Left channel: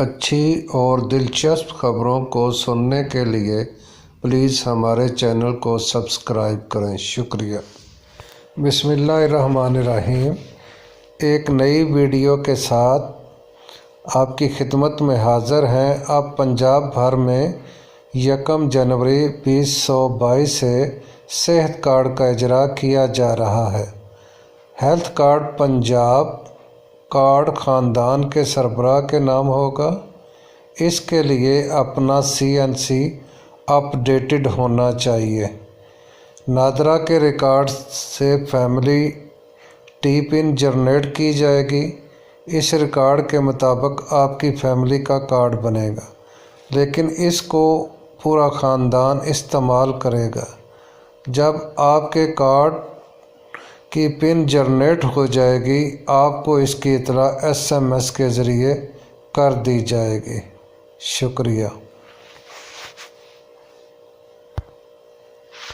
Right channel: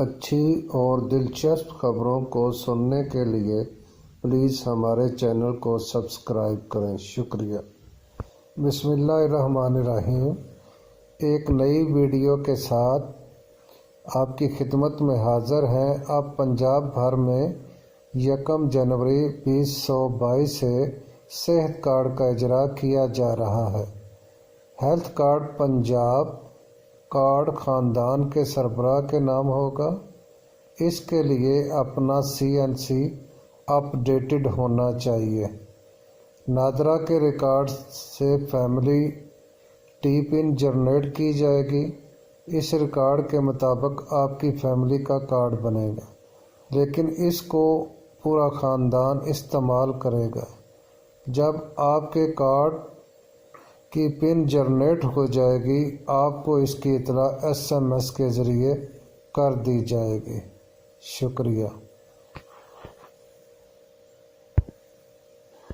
اچھی اور دلچسپ خبروں کو سننے کے لیے پلیز ہمارے چینل کو سبسکرائب کریں، شکریہ۔ بسم اللہ الرحمن الرحیم۔ ایک نئی ویڈیو کے ساتھ آپ کی خدمت میں حاضر ہیں۔ اب پنجاب بھر میں 1 جنوری 2022 سے صحت کارڈ کا اجرا کیا جا رہا ہے۔ ہیلتھ کارڈ پنجاب کارڈ خاندان کے سربراہ کے نام ہوگا۔ اس کے لیے اپنا CNC اپ ڈیٹڈ ہونا چاہیے۔ نادرا کے ریکارڈ سے فیملی ٹی پن جنریٹ کی جائے گی۔ اس ریکارڈ کے مطابق آپ کی فیملی کا کارڈ بنے گا، لیکن اس کو پورا خاندان استعمال کرے گا۔ جب آپ کے کارڈ کی پن جنریٹ ہو جائے گی، آپ کو اس کی اطلاع SMS کے ذریعے کر دی جائے گی۔ شکریہ۔